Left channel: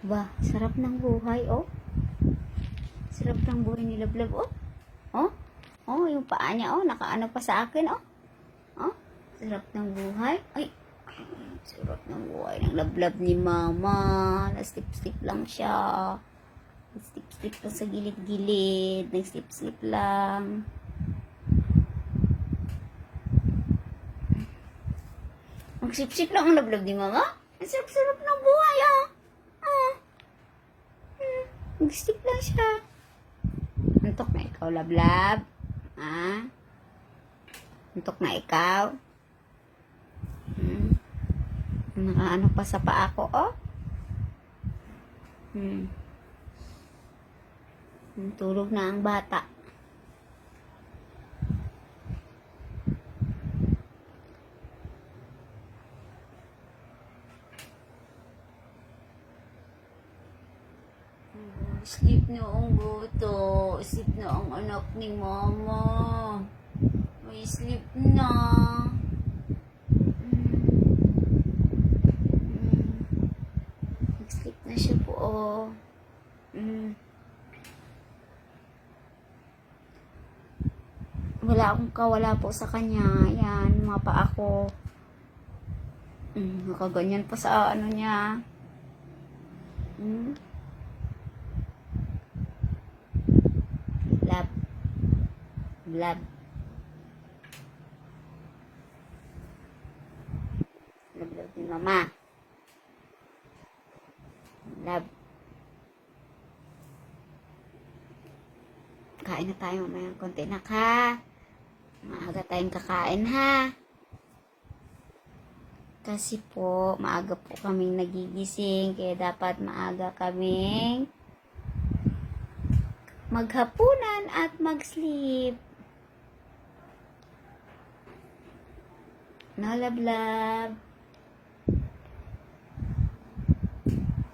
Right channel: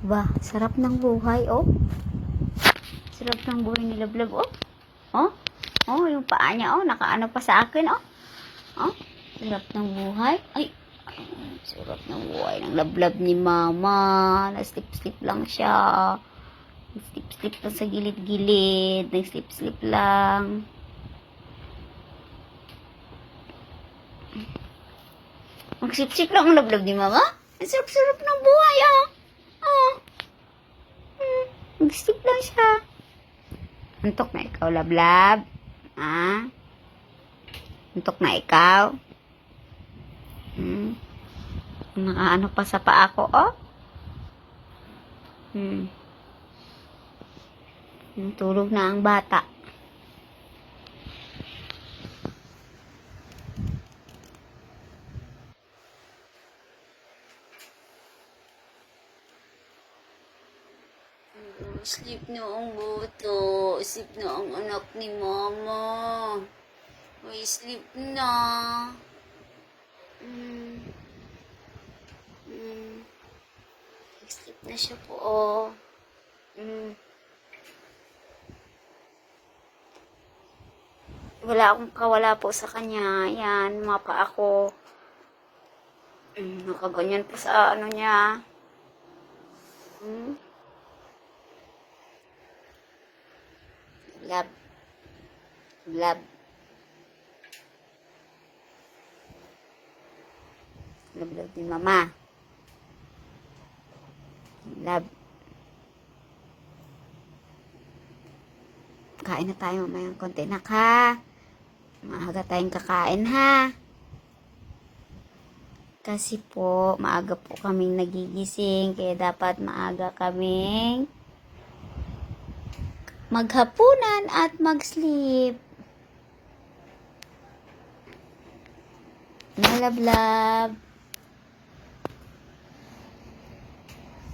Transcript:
Ba, sarap ng buhay, oh. Sarap ng buhay ni Lablab, oh. Oh, oh, yung paa niya, oh, nakaano pa sa akin, oh. Oh, sarap ng buhay. Ay, sarap ng buhay ng Lablab ni Mama. Na-slip-slip lang siya. Slip-slip lang sa gilid-gilid. Nag-slip-slip lang. Mag-slip-slip lang ang Lablab ni Mama. Ang sarap-sarap ng buhay. Oh. Mag-slip lang siya. Antok na ikaw, Lablab. Ah? Antok na ikaw. Hmm. Nakaano pa sa paa ko, oh. Hmm. Hmm, Tulog na ang bata. Sleep na ang buto. Sleep na ang anak ni mama. May sleep na. Mm. Mm. Nag-sleep na siya po. Oh. Mm. Wala akong kawala po sa kanya. Yan, mapa ako. Mm, nakaganyan po sa ano niya. Mm. Lab lab ni mama. Lab. Kain na tayo mamaya ng konti na ka. Maaga tayong kakain ha. Kasi po, maaga po kaming nagigising. Kaya dapat maaga kaming maghapunan at mag-sleep. Mga love love.